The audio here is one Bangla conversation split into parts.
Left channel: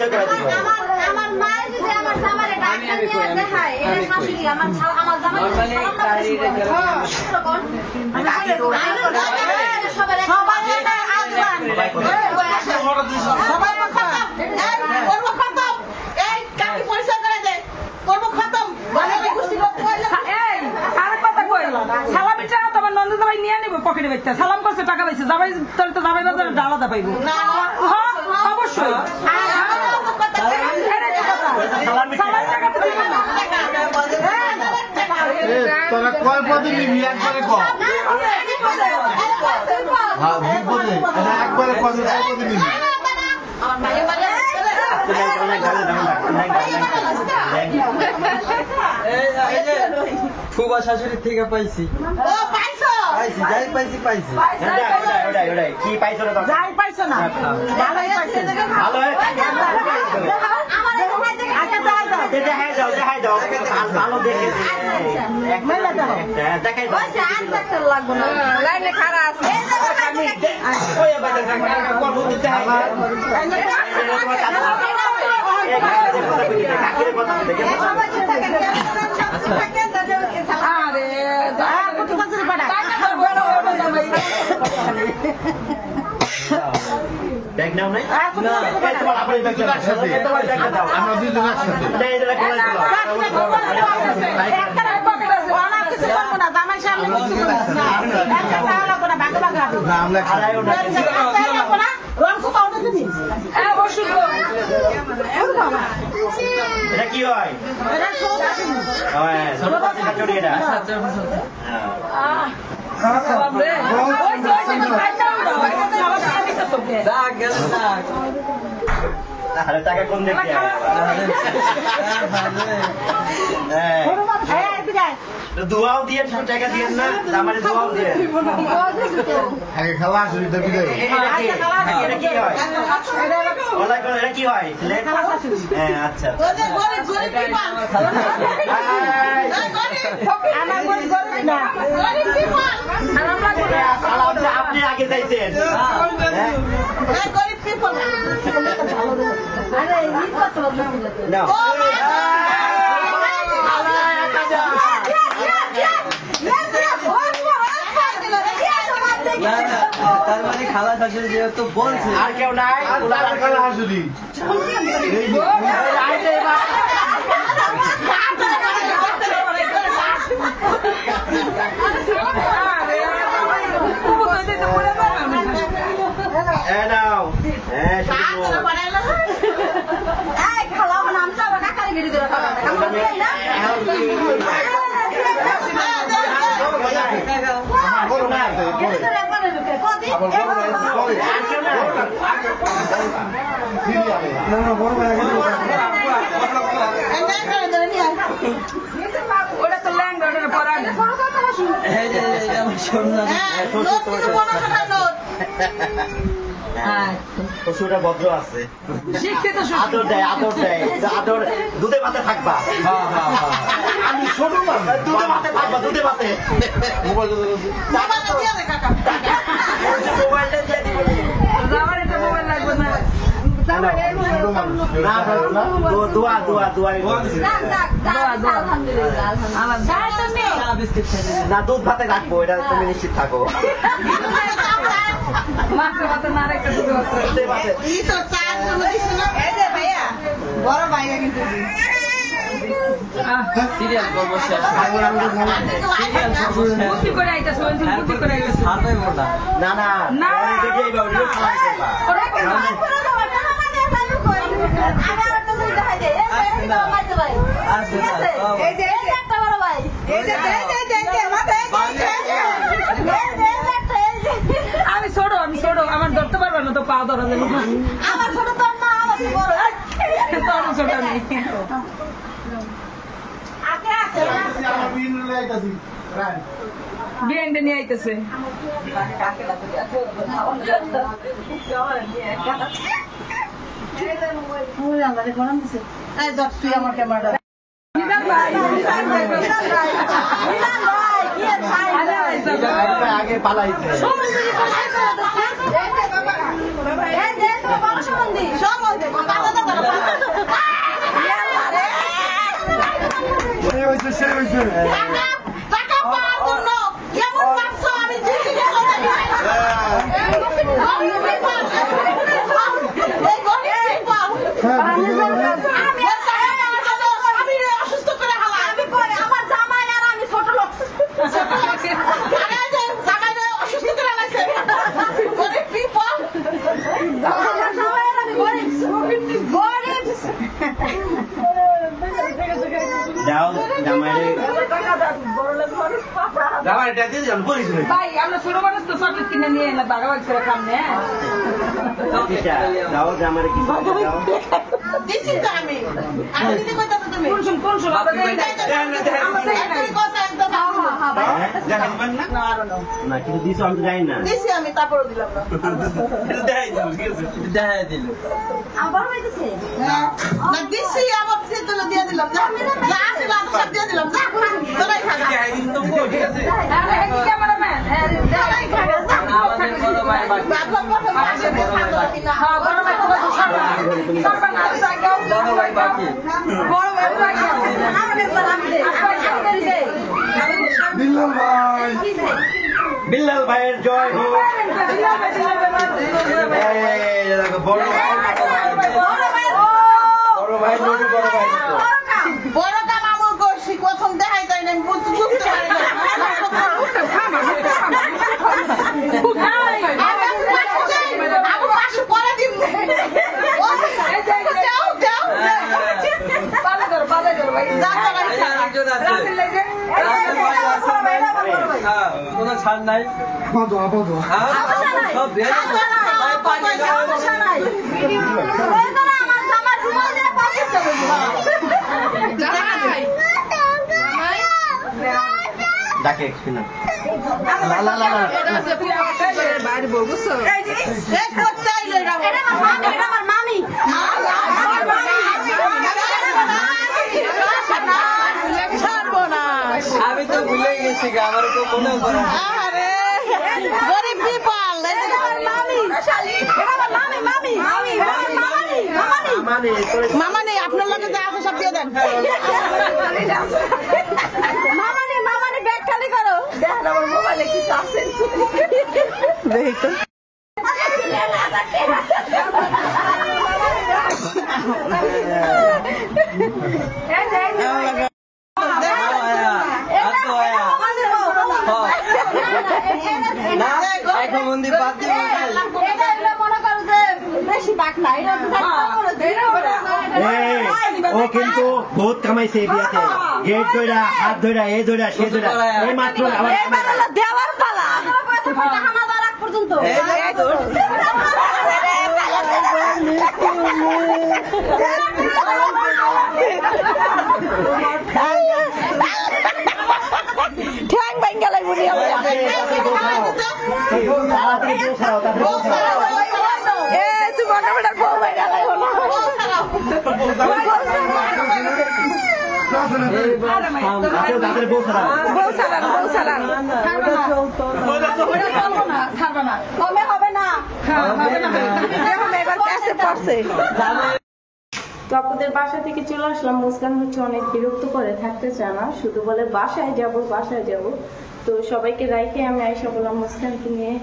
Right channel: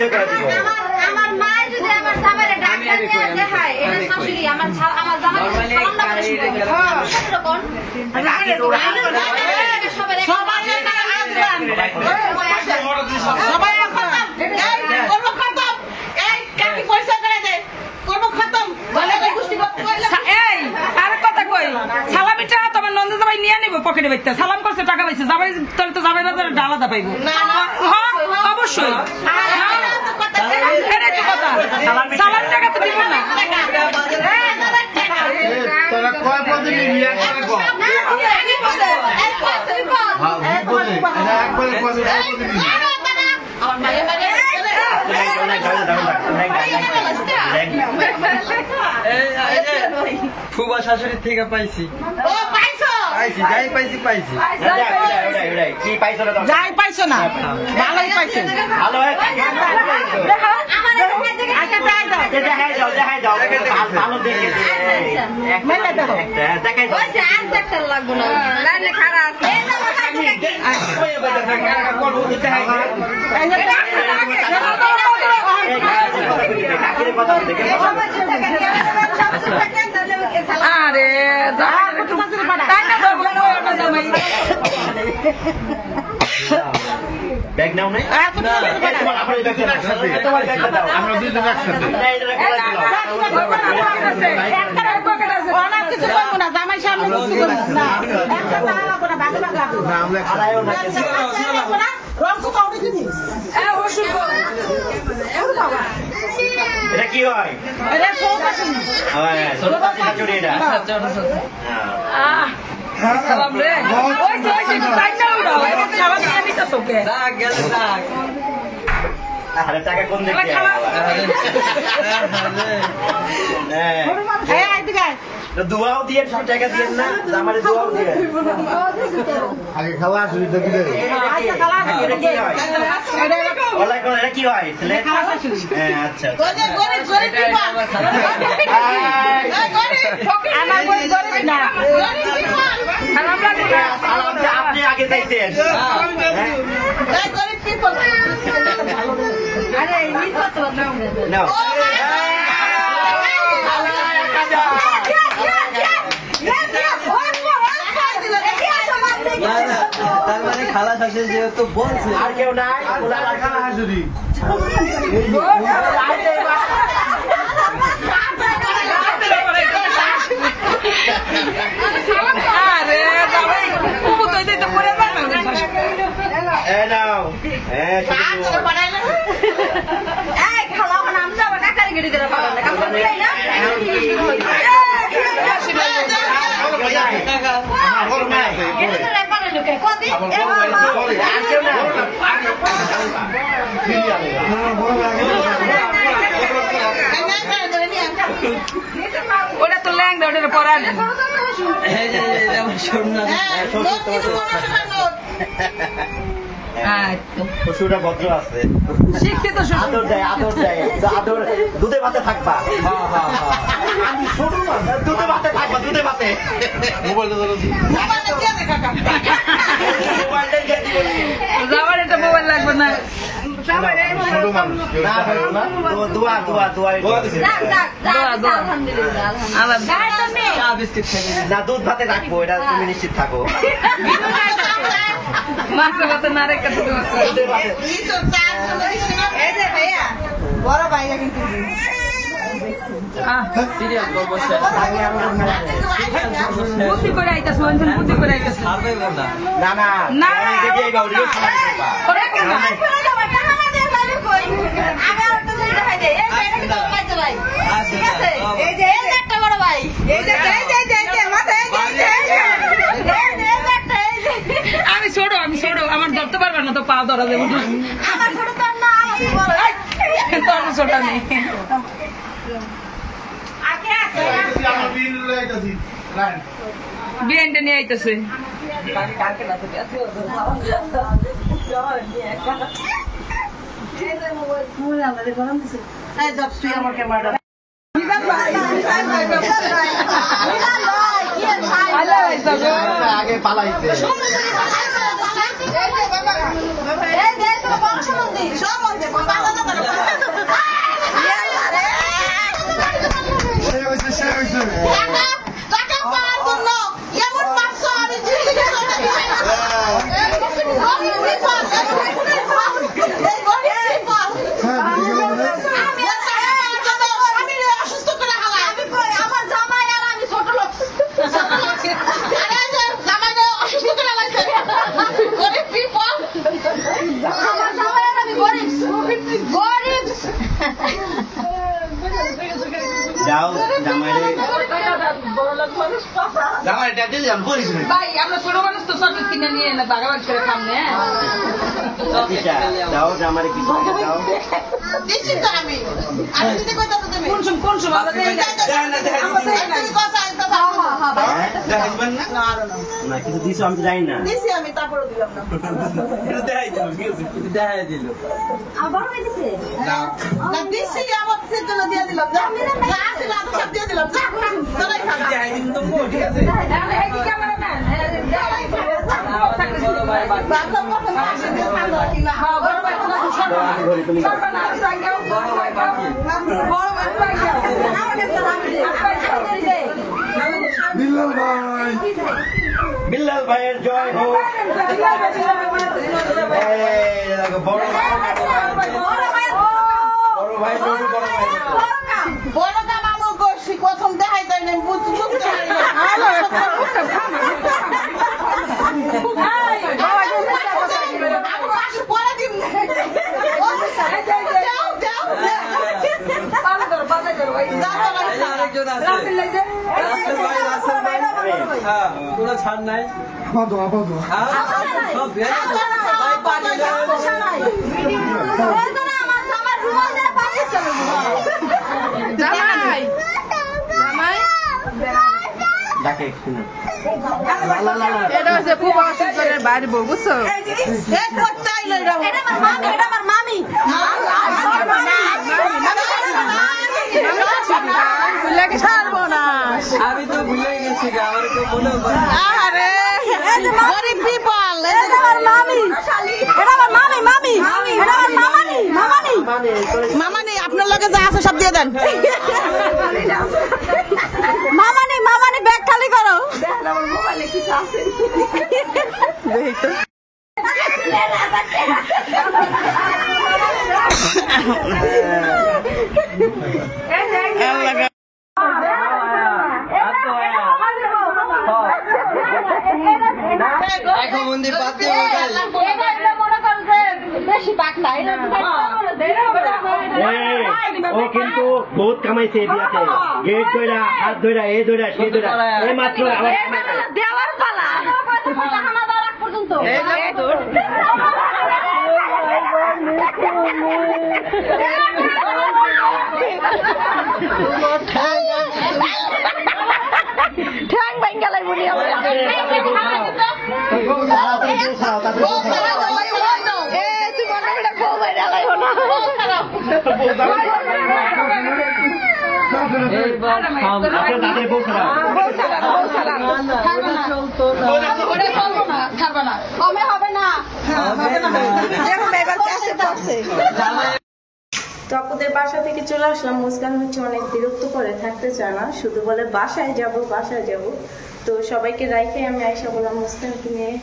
পরিচয় করে দিব। আমার মা যদি আমার জামাইরে ডাক্তার নিয়ে দেখায় এটা শাশুড়ি আমার জামাই সালাম না কোন সবাই কাকি পরিচয় করে দে করব খতম বলে গুষ্টি এই আর কথা কই সালামিটা তোমার নন্দ জামাই নিয়ে নিব পকেটে বাইতে সালাম করছে টাকা পাইছে জামাই তোর তো জামাই বাজারে ডালাদা পাইবো না হ্যাঁ অবশ্যই সালাম টাকা তো দিবে না তোরা কয় পদে নিয়ে করে কো হ্যাঁ বলে একবারে পদে নিয়ে আমার মালে মালে ফুবা শাশুড়ির থেকে পাইছি যাই পাইছি কি পাইছো না যাই পাইছো না ভালোই পাইছো ভালো দেখাই দাও ভালো দেখে দেখাই দাও লাগবো না খারাপ আছে আরে ব্যাগ নাও না আমরা দুজন একসাথে জামাই সামনে এটা কি হয় টাকা কোন দিকে দোয়াও দিয়ে টাকা দিয়ে না আমাদের দোয়াও দিয়ে আগে খাওয়া শুনি তো কি দেবে এটা কি হয় আচ্ছা আপনি আগে চাইছেন না তার মানে খালা শাশুড়ি যেহেতু বলছে আর কেউ নাই খাওয়া শুনি ওটা তো ল্যাংদা ওটা পড়া না শ্বশুরটা ভদ্র আছে শিখতে তো আদর দেয় আদর দুধে ভাতে থাকবা আমি ছোট দুধে ভাতে থাকবা দুধে ভাতে মোবাইলটা ধরো মোবাইলটা দিয়ে দিব আমার এটা মোবাইল লাগবে না ছোট মানুষ না দুধ ভাতে রাখবো এটা তুমি নিশ্চিত থাকো মাছের ভাতে না রেখে সিরিয়াল করবো করে আইতেছ করে না না না। দেখেই বাবু রিও সালাম করবা আমি ছোট আমার ধরতে পারবো না তো পা ধরা দেবো না আমার ছোট তো না আমার ছোট নেই বিয়েনটা নিয়ে আইতেছে তুই আমার ক্যামেরা আগে পালাইছে সব সে হয়েছে টাকা পাওয়ার জন্য এমন মারছো আমি জিন্দিগি শান্তি পাই না। গরিব people, এই গরিব people। আমি স্বামীরে অসুস্থ করে হালাই। আমি কই আমার জামাই আর আমি ছোট লোক। আরে এই যে জামাইরে অসুস্থ করে হালাইছে। গরিব people। আমার জামাই আর আমি গরিব। যাও জামাইরে জামাইটা দিয়ে যান বলিস না ভাই আমরা ছোট মানুষ তো চকলেট কিনে নিয়ে না বাগাবাগি করে খাম না কিসা যাও জামাইরে কি করে দাও দিছি তো আমি দিতে কইতা তো তুমি। কোন সময় আমাদের এই তুমি কথা একটা না কিছু দিছো আমি তো জানি না দিছি আমি তারপর দিলাম না। দেখা দিল না দিছি আবার সেগুলো দিয়ে দিলাম যা যা আছে না সব দিয়ে দিলাম যা তোরাই খা ক্যামেরাম্যান আমাদের বড় ভাই বাকি বাবা কথা পাশে দিয়ে খাওয়া দাওয়া কিনা হ্যাঁ বড় ভাই তোমার তুমি দাও বড় ভাই বাকি বড় ভাই আমাদের সালামি দে বিল্লাল ভাইয়ের জয় হোক এই দেখো বড় ভাই নড়ু বড় ভাই বড় কাম আমল করছি প্রথম দেখাই তাই নাই বুঝতে পারি না আমি পাশে পরে দিব আরেকজন আছে কোনো ছাড় নাই সব ভাই পানি ডাকে শুনো আমি তো ভুলে গেছি যে আমার তো মনে পড়ে না। গরিব পিপল মামা নেই আপনার লগে যা আছে সব দিয়ে দেন মামা নেই ব্যাগ খালি করো আমার মোবাইলে কিছু আছে এখন মন্দির বাদ দিয়ে ও কিন্তু বহুত কামাইছে এই বিয়াতে গেট ধইরা হাত ধইরা এই ধইরা সে ধইরা এই মাত্র আবার দেওয়ার পালা পর্যন্ত ঠ্যাং ভাঙ্গা লাগবো নি তাদের বউ খারাপ হবে না এবার ক্যাশে পড়ছে তো আপুদের বাসা থেকে চলে আসলাম। মুস্কান হচ্ছে অনেক বিরক্ত করে, থাকতে চায় না, শুধু বলে বাসায় যাব। তো সবাইকে রাইখে আমি আইসা বললাম মুস্কানকে নিয়ে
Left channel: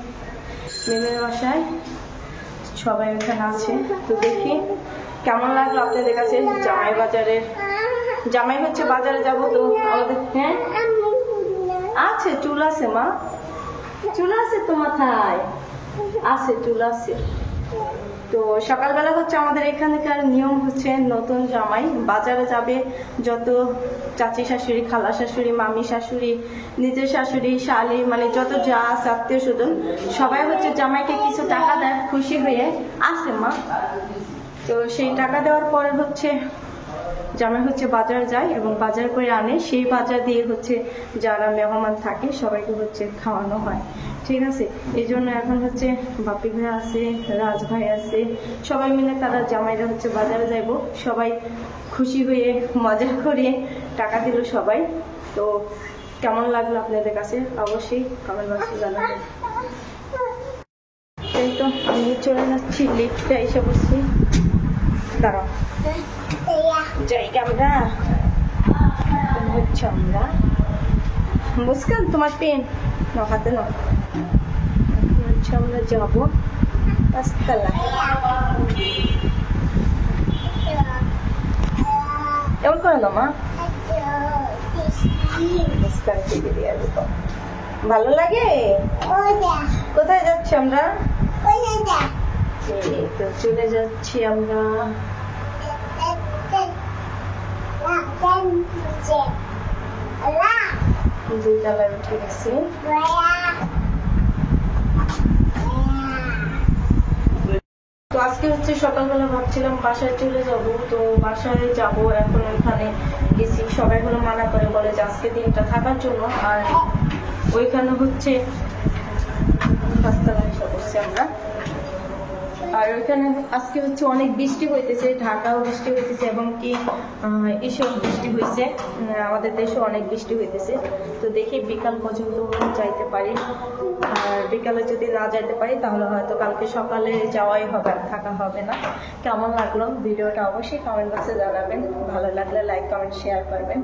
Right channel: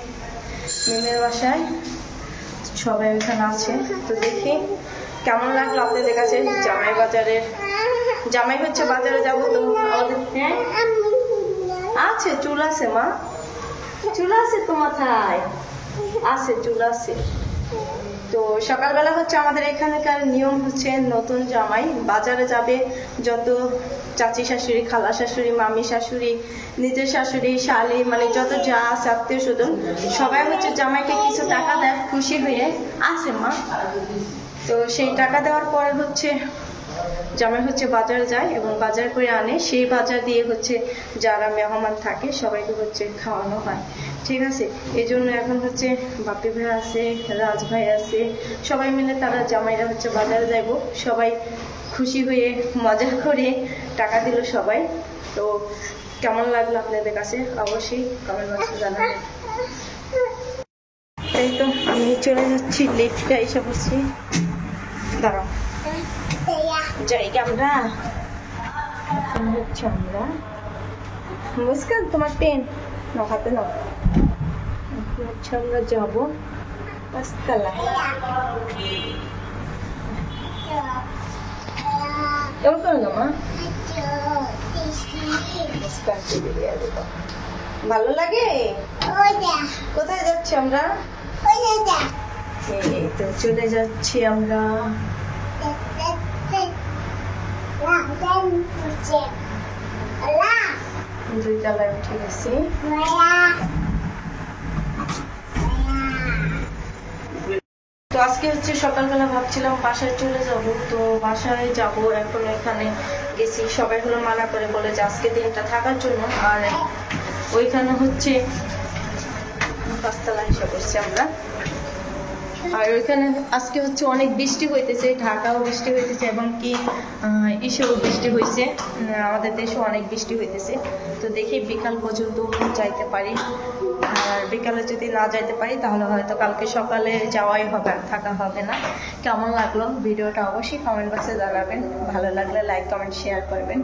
মেমের বাসায়, সবাই ওখানে আছে। তো দেখি কেমন লাগলো আপনাদের কাছে। জামাই হচ্ছে বাজারে যাব। তো আমাদের হ্যাঁ আছে চুল আছে, মা চুল আছে তো মাথায় আছে, চুল আছে। তো সকালবেলা হচ্ছে আমাদের এখানকার নিয়ম হচ্ছে নতুন জামাই বাজারে যাবে, যত চাচি শাশুড়ি, খালা শাশুড়ি, মামি শাশুড়ি, নিজের শাশুড়ি, শালি, মানে যত যা আছে আত্মীয় স্বজন সবাই হচ্ছে জামাইকে কিছু টাকা দেয় খুশি হয়ে। আছে মা। তো সেই টাকা দেওয়ার পরে হচ্ছে জামাই হচ্ছে বাজার যায় এবং বাজার করে আনে। সেই বাজার দিয়ে হচ্ছে যারা মেহমান থাকে সবাইকে হচ্ছে খাওয়ানো হয়, ঠিক আছে। এই জন্য এখন হচ্ছে বাপি ভাই আছে, রাজ ভাই আছে, সবাই মিলে তারা জামাইরা হচ্ছে বাজারে যাইব। সবাই খুশি হয়ে মজা করে টাকা দিল সবাই। তো কেমন লাগলো আপনাদের কাছে অবশ্যই কমেন্ট বক্সে জানাবেন। তাই তো আমি চলে যাচ্ছি, লিফটে এসে বসছি, দাঁড়াও। জায়গা আমরা হচ্ছে আমরা মুস্কান তোমার পেন নাও হাতে নাও হচ্ছে আমরা যাবো 5 তলায় কেমন করে না মা মুস্কান টিভি দিয়ে দেবো ভালো লাগে কোথায় যাচ্ছি আমরা এই তো চলে যাচ্ছি আমরা 2 তলায় উঠে গেছি তো আজকে হচ্ছে সকালবেলা ভাবছিলাম বাসায় চলে যাব তো বাসায় যাব এখন ওইখানে গেছি সবাই হলো মানা করে বলে যে আজকে দিনটা থাকার জন্য আর ওইখানে হচ্ছে 5 তলায় এসে পড়ছি আমরা আর ওইখানে আজকে হচ্ছে অনেক বৃষ্টি হইতেছে ঢাকাও বৃষ্টি হইতেছে এবং কি এসেও বৃষ্টি হয়েছে আমাদের দেশেও অনেক বৃষ্টি হইতেছে তো দেখি বিকাল পর্যন্ত যাইতে পারি আর বিকালে যদি না যাইতে পারি তাহলে হয়তো কালকে সকালে যাওয়াই হবে আর থাকা হবে না কেমন লাগলো ভিডিওটা অবশ্যই কমেন্ট বক্সে জানাবেন ভালো লাগলে লাইক কমেন্ট শেয়ার করবেন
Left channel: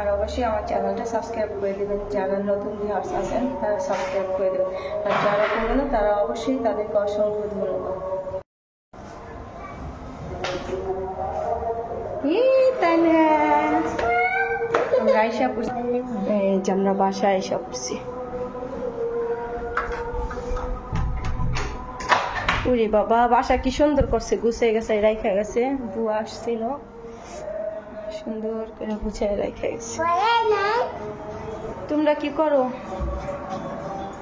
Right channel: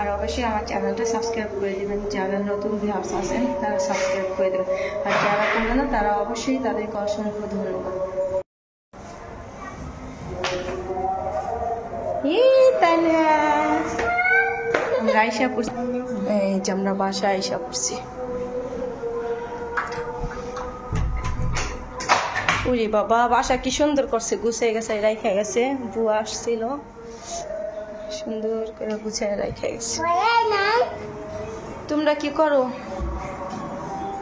আর অবশ্যই আমার চ্যানেলটা সাবস্ক্রাইব করে দেবেন যারা নতুন ভিউয়ার্স আছেন তারা সাবস্ক্রাইব করে দেবেন আর যারা করবে না তারা অবশ্যই তাদেরকে অসংখ্য ধন্যবাদ আমরা আইসা পড়ছি এই যে আমরা বাসায় আইসা পড়ছি উরি বাবা বাসা কি সুন্দর করছে গুছিয়ে গেছে রাইখা গেছে বুয়া আসছিল সুন্দর করে গুছিয়ে রাইখা গেছে তোমরা কি করো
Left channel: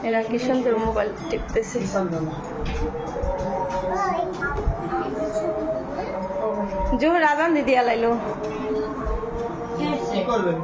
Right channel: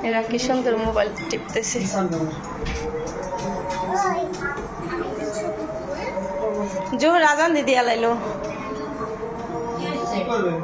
এরা কি সুন্দর মোবাইল টিপতেছে জোহর আজান দিদি আলাইলো কি করবেন